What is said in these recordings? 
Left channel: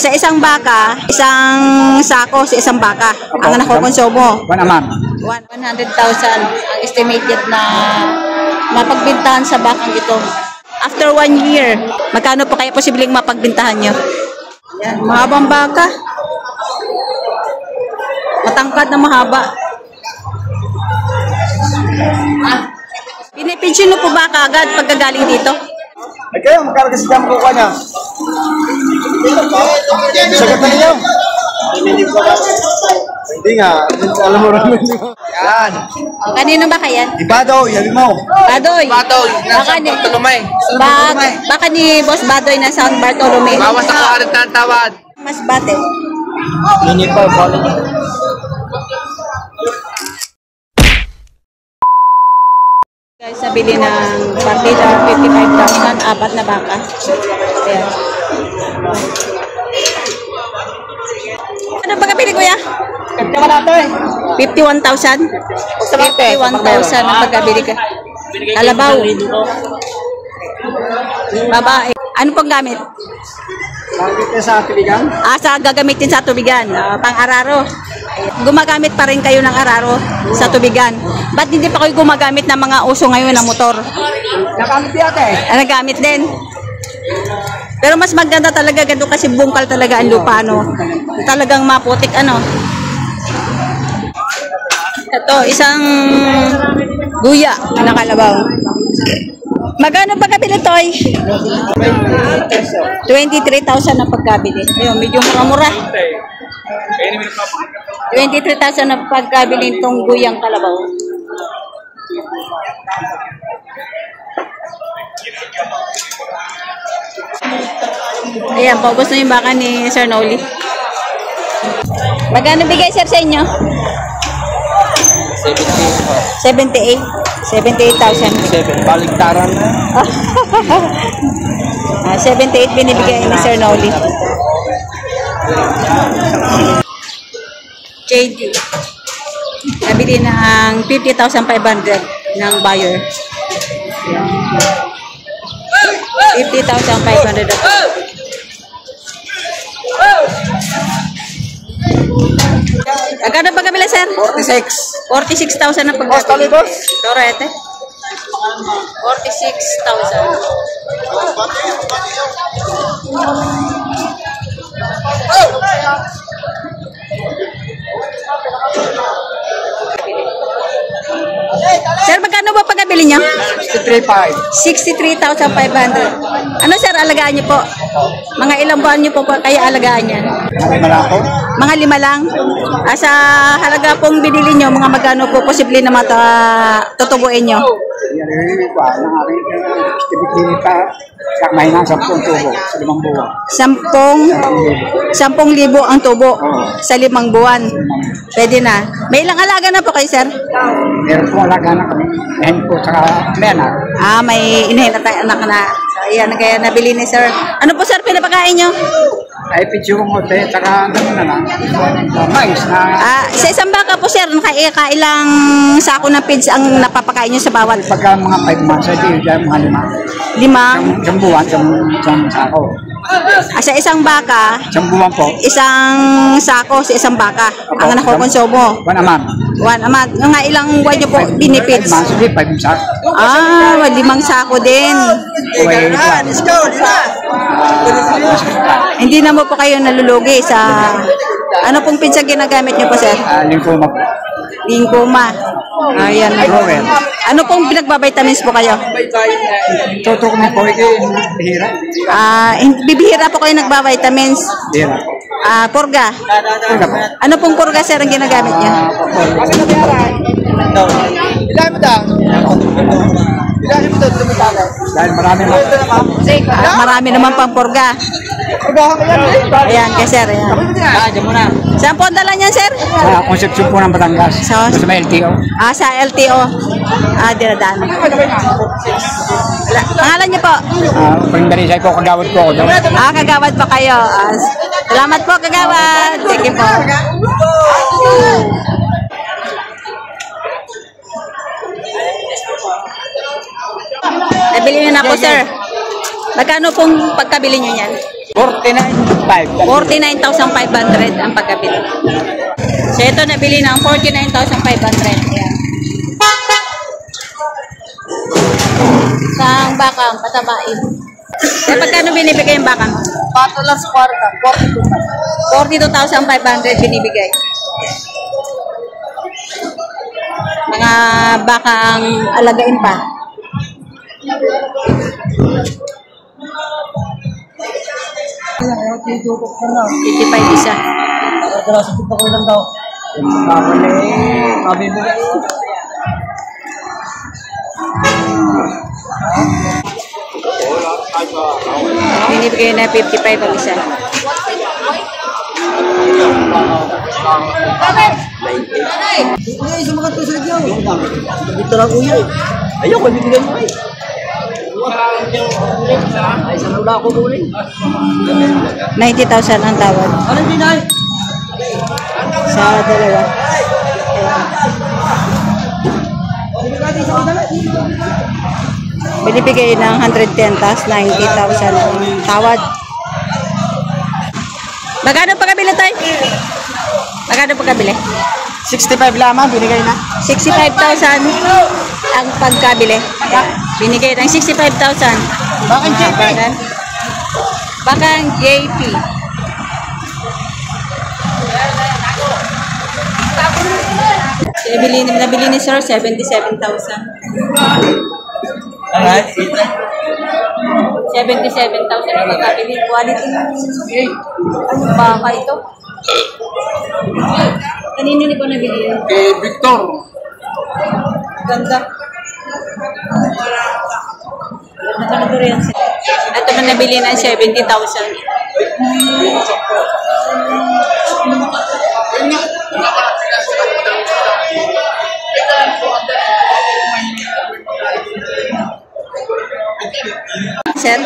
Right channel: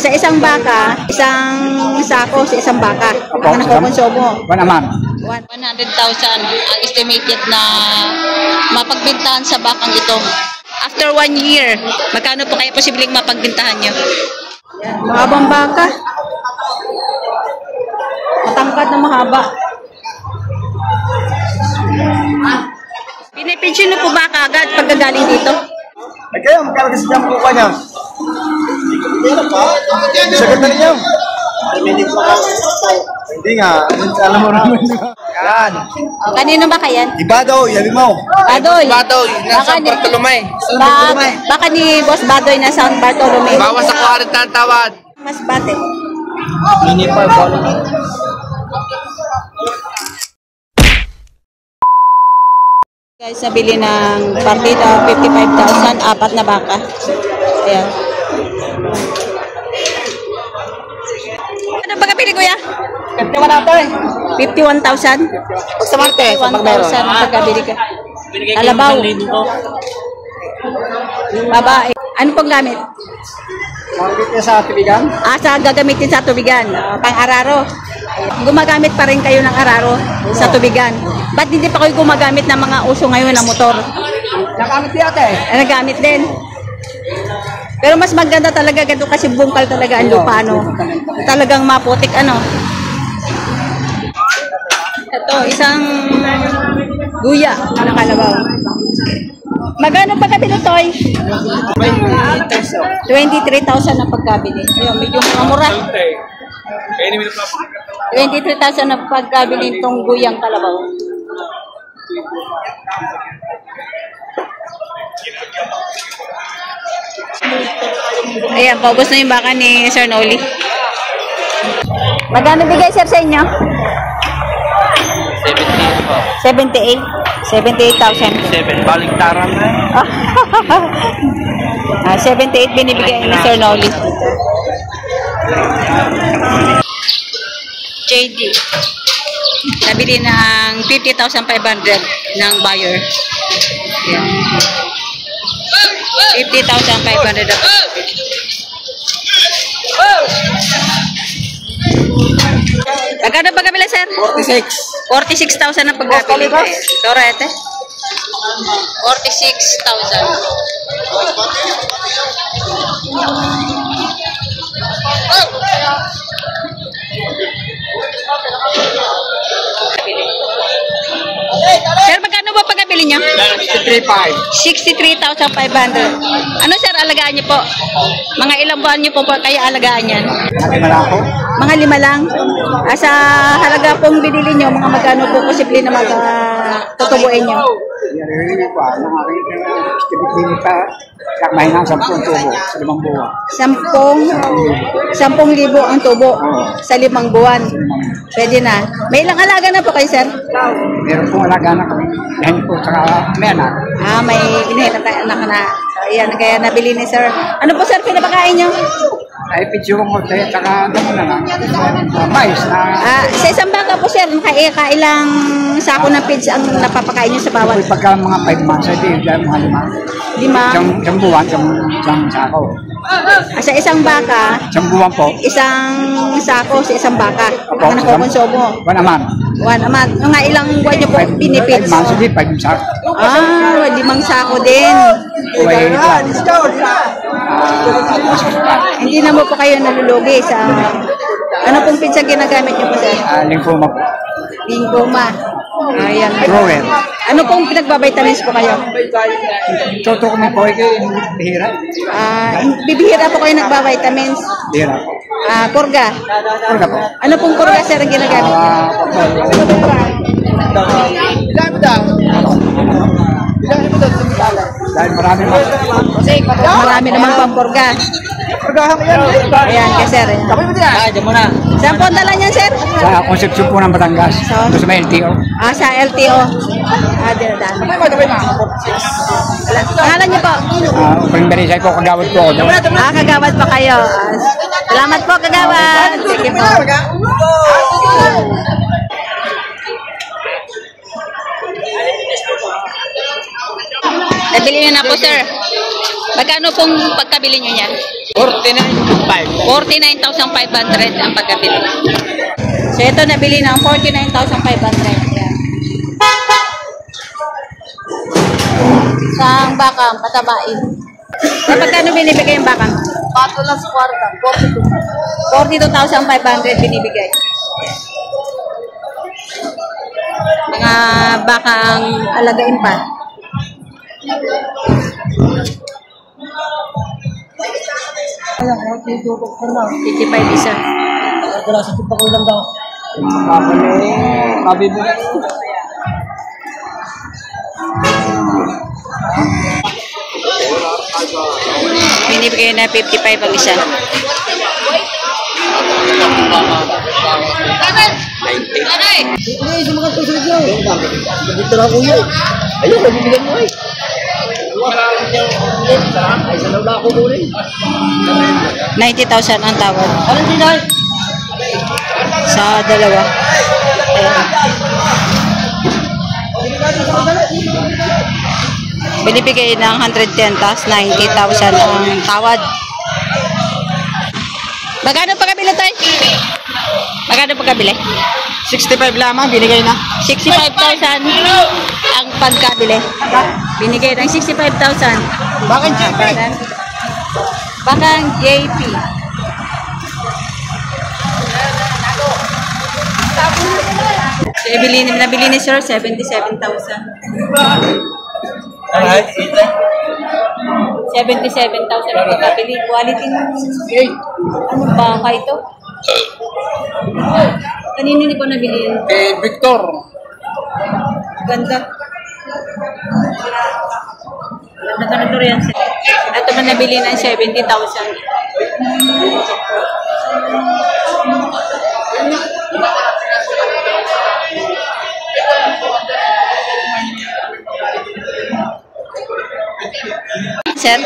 Sa isang baka, isang sako sa isang baka. Ang nakukonsumo. 1 a month. 100,000 ang estimated na mapagbintahan sa bakang ito. After 1 year, magkano po kaya posibleng mapagbintahan nyo? Mahabang baka. Matangkad na mahaba. Pinipensyon po ba kaagad pagkagaling dito? Ay kayo, magkano kasi dyan makukuha niya? Sagot na ninyo. Hindi nga, alam mo namin. Yan. Kanino ba kayan? Ibadoy, yabi mo. Badoy. Badoy, Baka nasa ni, Bartolome. baka ni Boss Badoy na San Bartolome. Bawas ako agad ng tawad. Mas bate. Mini pa, balik. Guys, nabili ng partida 55,000, 4 na baka. Ayan. Ano ba kapili kuya? 51,000? 51,000 ang pagkabili ka. Kalabaw. Babae. Ano pong gamit? Bakit sa tubigan? Sa gagamitin sa tubigan. Pang-araro. Gumagamit pa rin kayo ng araro sa tubigan. Ba't hindi pa kayo gumagamit ng mga uso ngayon na motor? Nakamit di ate. Nagamit din. Pero mas maganda talaga ganito kasi bungkal talaga ang lupa, no? Talagang maputik, ano? Ito, isang guya na kalabaw. Magkano pagkabili to ay? 23,000 na pagkabili. Ayun, medyo mura-mura. 23,000 na pagkabili itong guyang kalabaw. Ayan, paubos na yung baka ni Sir Noli. Magkano bigay sir sa inyo? 78. 78,000. Baliktaran na. 78 binibigay ni Sir Noli. JD. Nabili ng 50,500 ng buyer. Ayan. 50,500 at agad ba kabila sir? 46. 46,000 ang pagkabili. Torete. 46,000. Sir, magkano ba pagkabili niyo? 63,500. Ano sir, alagaan niyo po? Mga ilang buwan niyo po kaya alagaan yan? Malako. Mga 5 lang. Sa halaga pong binili nyo, mga magkano po posible na tutubuin nyo? Yan ko ang aking estimate sa mahina 10 tubo sa 5 buwan. 10,000 ang tubo sa 5 buwan. Pwede na. May ilang alaga na po kayo, sir? Meron pong alaga na kami. Yan po sa menak. May inihit at anak na. So, ayan, kaya nabili ni sir. Ano po, sir, pinapakain nyo? Ay, pichurong hote, saka damo na lang. Mais na... Sa isang baka po, sir, kailang sako ng feeds ang napapakain nyo sa bawat? Pagka mga 5 months, ay mga 5. 5? Isang buwan, isang sako. Sa isang baka, Isang buwan po. isang sako sa isang baka ang nakukonsumo. 1 a month. 1 a month. Mga ilang buwan nyo po benefits? 5 months, hindi 5 sako. 5 sako din. Uway lang. Hindi naman po kayo nalulugi sa... Ano pong pinsa ginagamit nyo po, sir? Lymphoma po. Lingkoma. Ayan. Grower. Ano pong pinagbabitamins po kayo? Tutok mi po, bihira. Bibihira po kayo nagbabitamins. Bihira po. Purga. Purga po. Ano pong purga, sir, ang ginagamit nyo? Dahil Marami naman pang purga. Ayan, kay sir. Ayan. Saan po ang dala niyan, sir? Sa Concepcion po ng Batangas. Sa may LTO. Sa LTO. Dinadaan. Pangalan niyo po? Pagbarisay po, kagawad po ako doon. Kagawad pa kayo. Salamat po, kagawad. Sige po. Nabili niyo na po, sir. Magkano pong pagkabili niyo yan? 49,500. 49,500 ang pagkabili. So ito nabili ng 49,500. Yan. Isang baka, patabain. Eh, pagkano binibigay yung baka? Pato lang sa kwarta. 42,500 binibigay. Mga bakang alagain pa. Ayan, 55 isa. sa kita ko lang daw. Mabibigay. Binibigay na 55 ang isa. Ay, sa mga tusod yun. Dito lang kuya. Ayun, mabibigyan mo eh. Ay, sa naula ako muna eh. 90,000 ang tawad. Ano din ay? Sa dalawa. Ayan. Binibigay ng 110 tapos 90,000 ang tawad. Magkano pagkabili tayo? Magkano pagkabili? 65 lamang, binigay na. 65,000 ang pagkabili. Ayan. Binigay ng 65,000. Bakit JP? Bakang JP. So, nabili ni Sir 77,000. 77,000 ang pagkabili. Quality ng anong baka ito? Kanino ni ko nabili? Victor. Ganda. Ganda yan. Ito man nabili ng 70,000. Sir?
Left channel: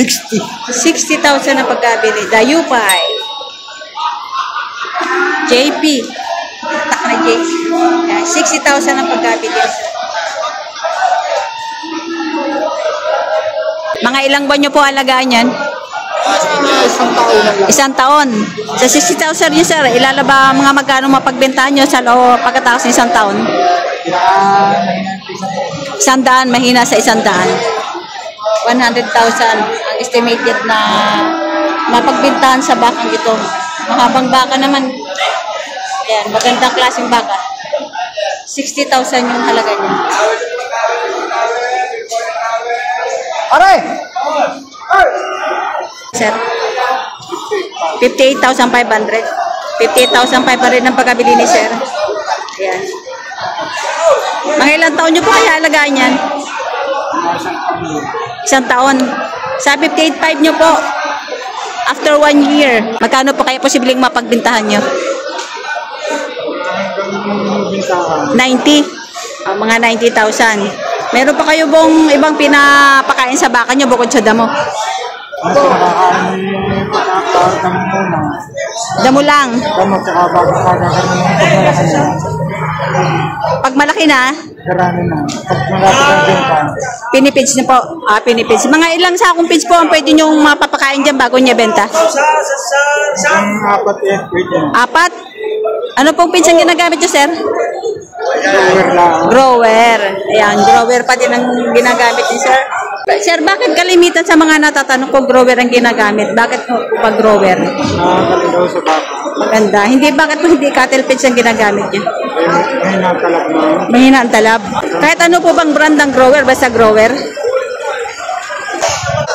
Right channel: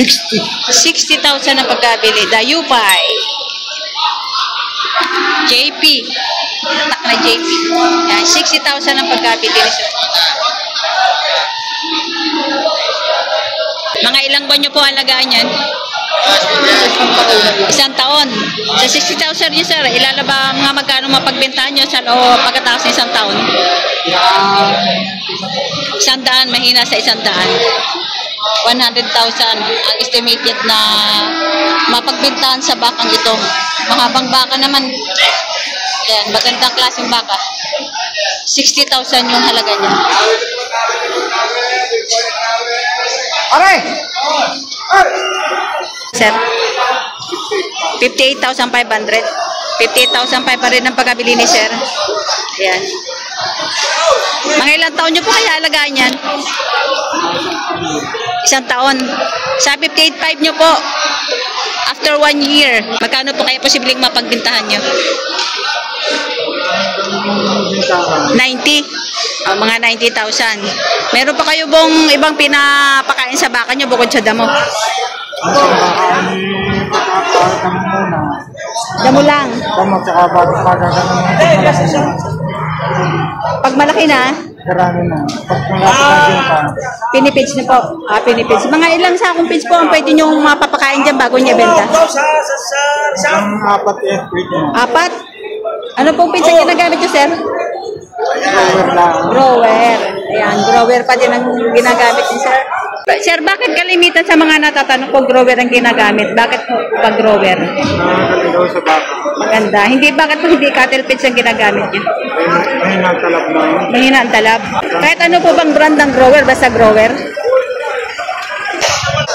60,000 ang pagkabili. Dayupay. JP. Tak na JP. Yan, 60,000 ang pagkabili ni Sir. Mga ilang buwan nyo po alagaan yan? Isang taon. Sa 60,000 niyo, Sir, ilalaba mga magkano mapagbentahan nyo sa loob pagkatapos ng isang taon? 100, mahina sa 100. 100,000 ang estimated na mapagbentahan sa bakang ito. Mahabang baka naman. Ayan, magandang klaseng baka. 60,000 yung halaga niya. Aray! Sir, 58,500. 58,500 ang pagkabili ni Sir. Ayan. Mga ilang taon nyo po kaya alagaan yan? Isang taon. Sa 58,500 nyo po, after 1 year, magkano po kaya posibleng mapagbintahan nyo? 90. Mga 90,000. Meron pa kayo bang ibang pinapakain sa baka nyo bukod sa damo? Damo lang. Damo tsaka bago kagagano ng pagmalaki na. Pag malaki na, Karami na. Pag malaki na dyan ka. pinipits na po. Pinipits. Mga ilang sakong pits po ang pwede nyo mapapakain dyan bago niya benta? Ang apat yan, pwede na. 4. Ano pong pits ang ginagamit nyo, Sir? Grower lang. Grower. Ayan, grower pa din ang ginagamit ni Sir. Sir, bakit kalimitan sa mga natatanong ko grower ang ginagamit? Bakit po pa grower? Nakakalit daw sa baka. Maganda. Hindi, bakit po hindi cattle pits ang ginagamit niya? May nakalap na. Mahina ang talab. Kahit ano po bang brand ng grower? Basta grower?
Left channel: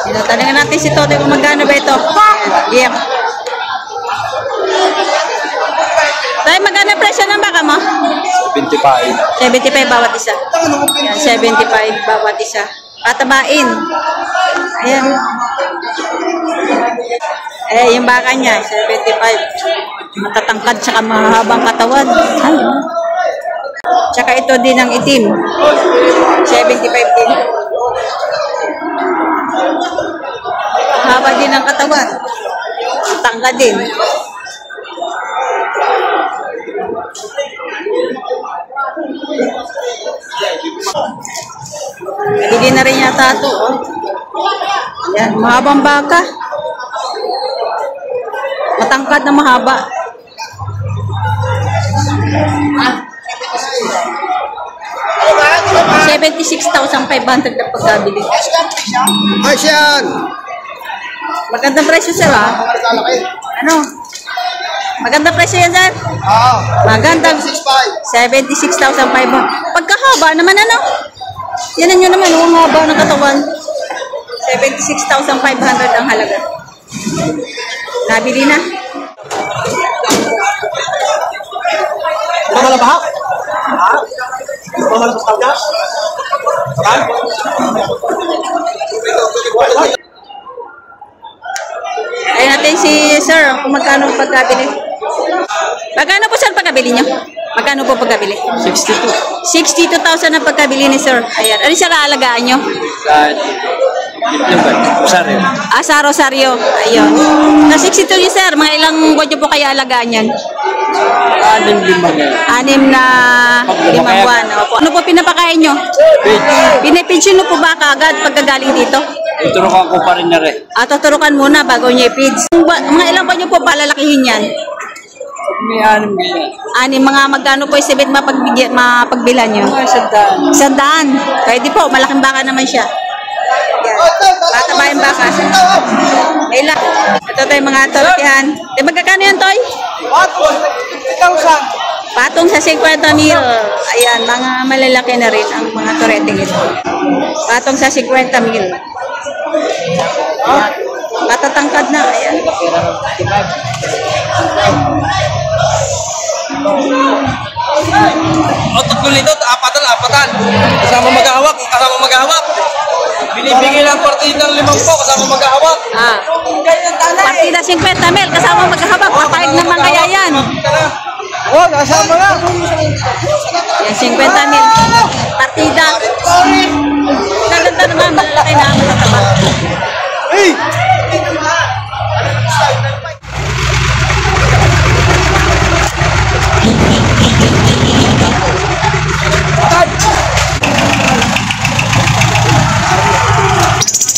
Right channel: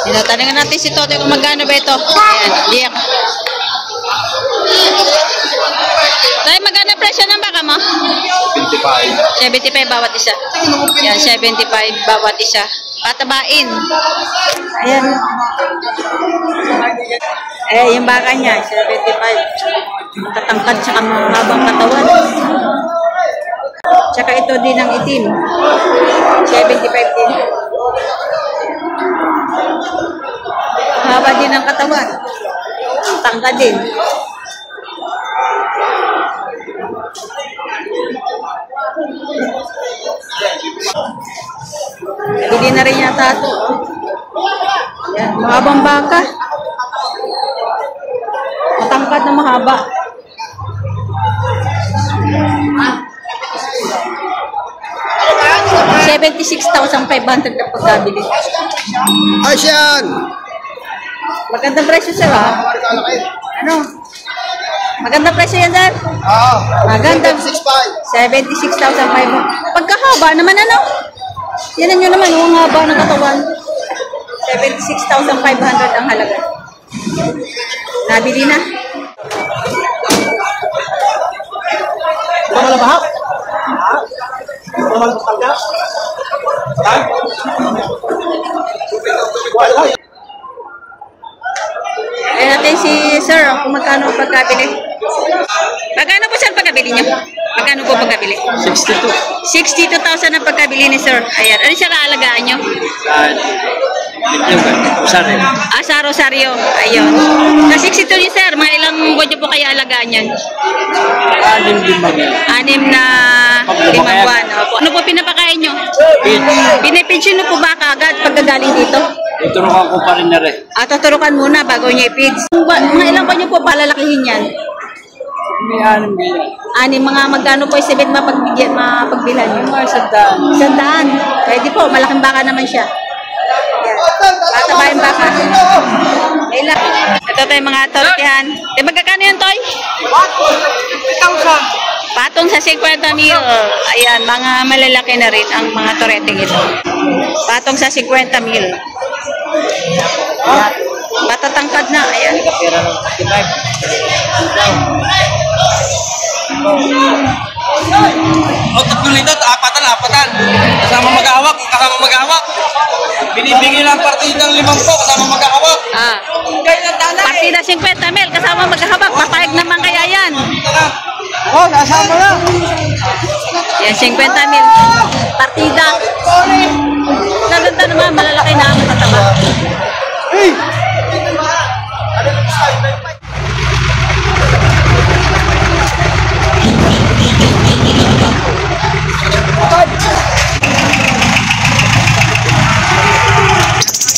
Tinatanungan natin si Totoy kung magkano ba ito. Ayan. Tay, magkano presyo ng baka mo? 25. 75 bawat isa. Yan, 75 bawat isa. Patabain. Ayan. Yung baka niya, 75. Matatangkad tsaka mahabang katawan. Ay. Tsaka ito din ang itim. 75 din. Mahaba din ang katawan. Tangkad din. Bigyan na rin yata ito. Ayan, mahabang baka. Matangkad na mahaba. $76,500 na pagkabili. Asian! Magandang presyo sir ha? Ano? Magandang presyo yan sir? Magandang 76,500. Pagkahaba naman ano? Yan nyo naman, ang haba ng katawan. 76,500 ang halaga. Nabili na. Mahal ba? Mahal ba talaga? Ay natin si sir kung magkano ang pagkabili. Magkano po sir pagkabili niya? Magkano po pagkabili? 62. 62,000 ang pagkabili ni sir. Ayan. Ano siya kaalagaan nyo? Rosario. Sa Rosario. Ayun. Na 62 ni sir. Mga ilang buwan nyo po kaya alagaan yan? 6 na 5 buwan. Opo. Ano po pinapakain nyo? Pinipidyo nyo po ba kaagad pagkagaling dito? Iturukan ko pa rin na rin. Tuturukan muna bago nyo i-feeds. Mga ilang buwan nyo po palalakihin yan? May 6 bilhin. Mga magkano po isibit mapagbilhan nyo? Sandaan. 100. Pwede po, malaking baka naman siya. Patabayin baka. Ilan? Ito tayo mga tortihan. Magkakano yan, Toy? 50,000. Patong sa 50 mil. Ayan, mga malalaki na rin ang mga toreteng ito. Patong sa 50 mil. Matatangkad na. Ayan. Tatlo nito, apatan. Kasama maghahawak. Binibigay lang partida ng 5 kasama maghahawak. Partida 50 mil. Kasama maghahabak. Papayag naman kaya yan. Oh, kasama yan. Yan, 50 mil. Partida. Ganda naman, malalaki na, matataba. Hey!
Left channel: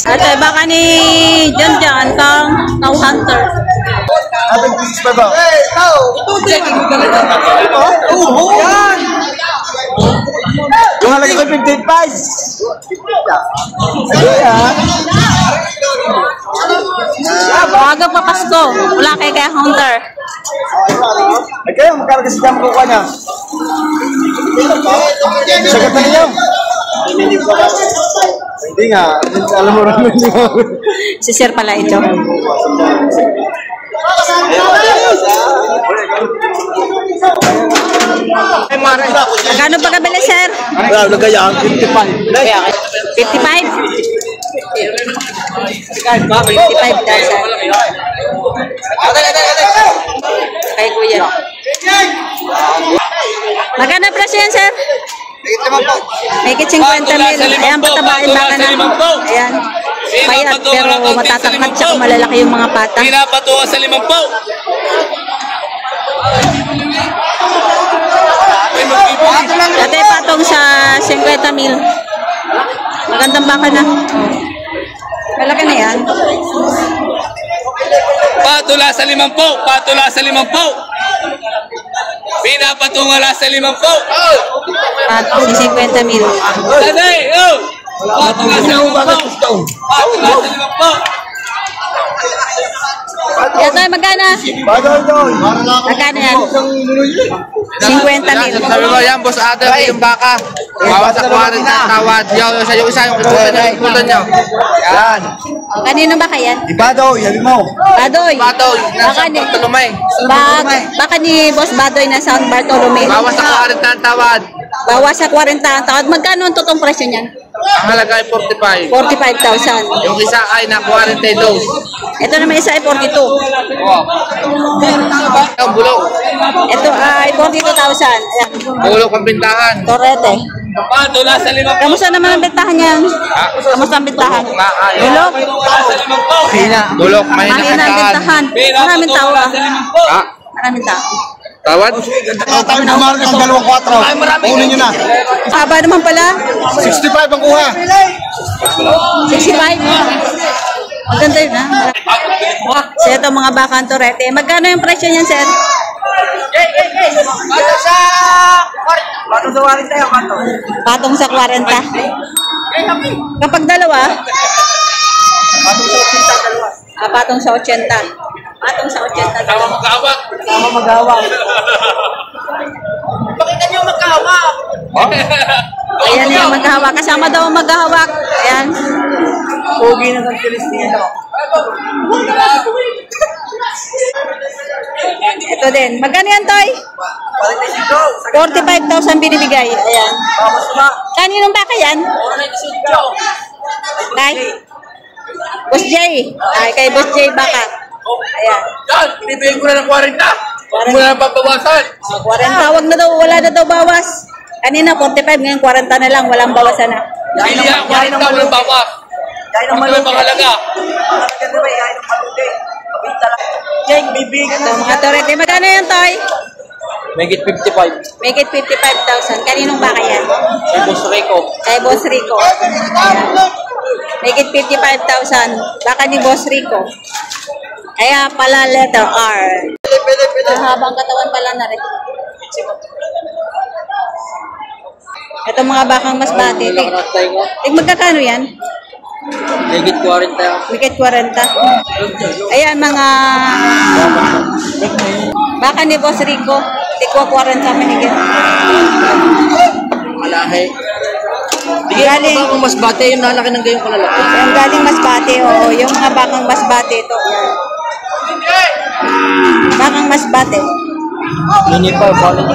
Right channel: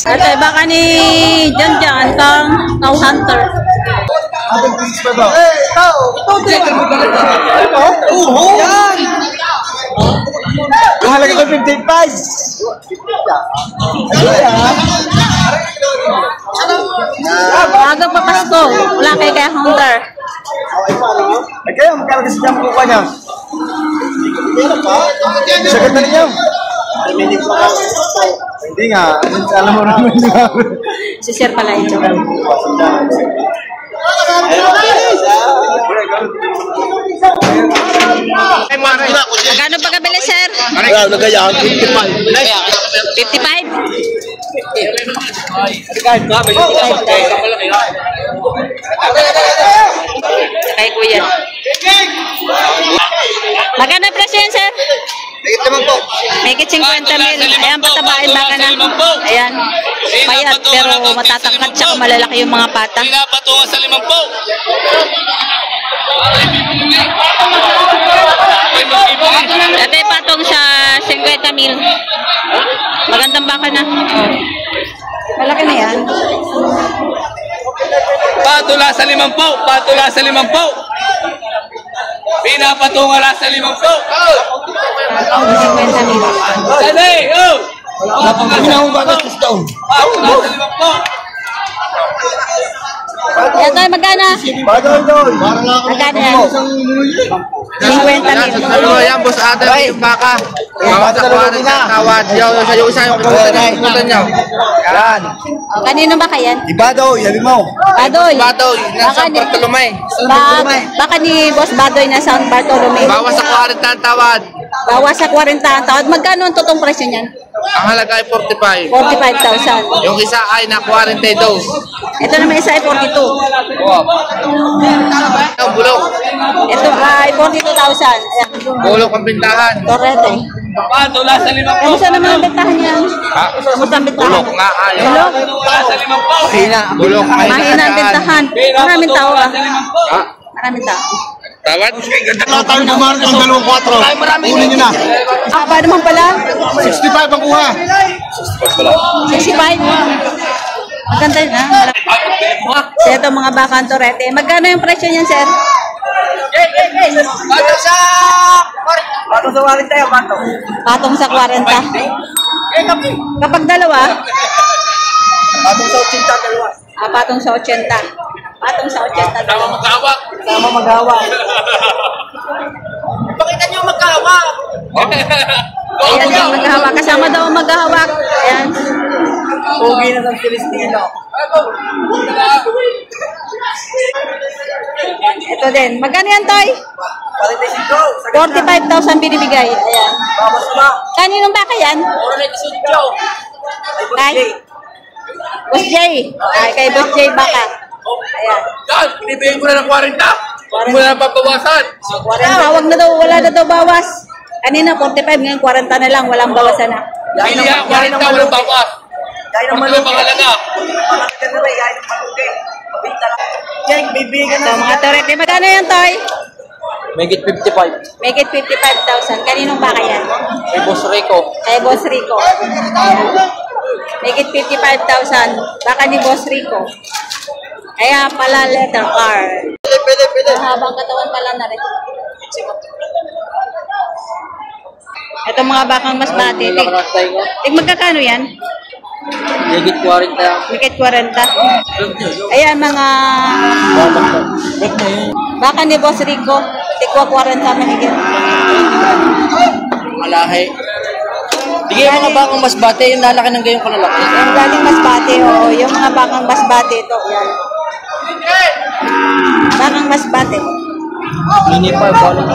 At baka ni John kang cow hunter. Ating please pa ba? Hey, tao! Yung halaga ko 55. Maagang pa Pasko. Wala kay kaya hunter. Ay kayo, magkano kasi dyan makukuha niya? Sagot na ninyo. Hindi nga, alam mo naman niya. Si sir pala ito. Magkano pagkabili, sir? Nagayaan, 55. 55? 55,000. Kay kuya. Magkano presyo yan, sir? Megit 50 mil. Ayan, patabain baka na. Ayan. Payat, pero matatangkad tsaka malalaki yung mga pata. Pinapatungan sa 5 po. Dati patong sa 50 mil. Magandang baka na. Oh. Malaki na yan. Patula sa 5 po. Patula sa 5 po. Pinapatungan sa 5 po. Patong sa 50 mil. Saday! Oh! Patula sa 5 po. Patula sa 5 po. Yan tayo, magkana? Magkana yan? 50 mil. Yan, boss Adam, yung baka. Tawad yung sa yung isa yung kutan niyo. Yan. O, kanino ba kayan? Ibado, yabi mo. Badoy. Batoy, Baka nasa ni, Bartolomé. baka ni Boss Badoy na San Bartolome. Bawas sa 40 ang tawad. Bawas sa 40 ang tawad. Magkano ang totoong presyo niyan? Ang halaga ay 45. 45,000. Yung isa ay na 42. Ito naman isa ay 42. Ang bulok. Ito ay 42,000. Ayan. Bulok ang bintahan. Torete. Patula sa 5 po. Kamusta naman ang bentahan niya? Ha? Kamusta ang bentahan? Bulok nga ay. Bulok? Patula sa 5 po. Bulok. Mahina ang bentahan. Maraming tao ah. Ha? Maraming tao. Tawad? Kami naman ng 2-4. Kunin nyo na. Haba naman pala. 65 ang kuha. 65. Maganda yun, ha? So, ito mga bakang Torete. Magkano yung presyo niyan, sir? Patong sa wallet tayo, patong. Patong sa 40. Kapag dalawa? Patong sa 80, dalawa. Patong sa 80. Patong sa 80 dalawa. Sama mag-awak. Pakita niyo magkahawak. Ayan yung maghahawak. Kasama daw ang maghahawak. Ayan. Pogi na ng Filistino. Ito din. Magkano yan, Toy? 45,000 binibigay. Ayan. Babas ba? Kaninong baka yan? Kay? Boss Jay. Ay, kay Boss Jay baka. Ayan. Yan, binibigay ko na ng 40. Huwag mo na papawasan. 40. Wag na daw. Wala na daw bawas. Kanina 45. Ngayon 40 na lang. Walang bawasan na. Pili yan, 40, walang bawas. Gaya ng Pag malugi. pangalaga. Pangalaga na ba, gaya ng malugi. Mabinta lang. Jake, bibigyan Ito mga Torete. Magkano yan, Toy? Megit 55. Make it 55,000. Kaninong baka yan? Kay Boss Rico. Kay Boss Rico. Ayan. Make it 55,000. Baka ni Boss Rico. Kaya pala letter R. Pwede. Habang katawan pala na rin. Ito mga bakang mas bati. Magkakano yan? Megit 40. Make it 40. Ayan mga baka ni Boss Rico. Tikwa 40 mahigit. Malahe. Bigyan mo ba kung mas bate yung lalaki ng gayong kalalaki? Yung galing Masbate, oo. Yung mga bakang Masbate ito. Yan. Bakang Masbate. Mini pa, balik.